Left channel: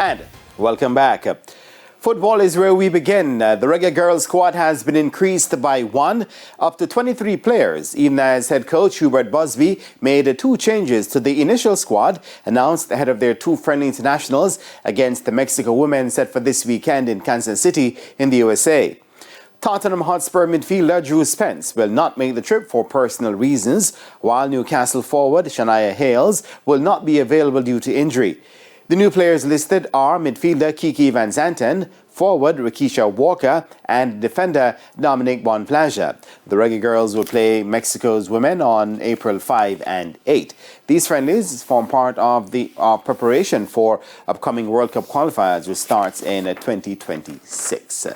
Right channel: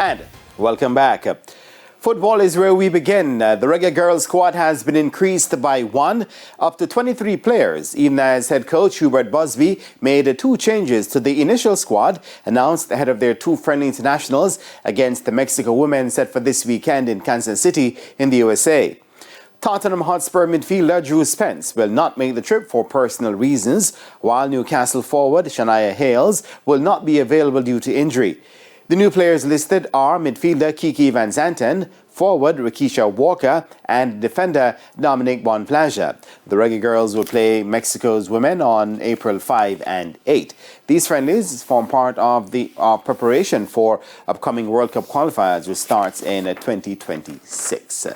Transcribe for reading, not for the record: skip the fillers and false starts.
And welcome back. Football is where we begin. The Reggae girls squad has been increased by 1 up to 23 players, even as head coach Hubert Busby made 2 changes to the initial squad announced ahead of their 2 friendly internationals against the Mexico women set for this weekend in Kansas City in the USA. Tottenham Hotspur midfielder Drew Spence will not make the trip for personal reasons, while Newcastle forward Shania Hales will not be available due to injury. The new players listed are midfielder Kiki Van Zanten, forward Rikisha Walker, and defender Dominic Bonplaja. The Reggae girls will play Mexico's women on April 5 and 8. These friendlies form part of the preparation for upcoming World Cup qualifiers, which starts in 2026.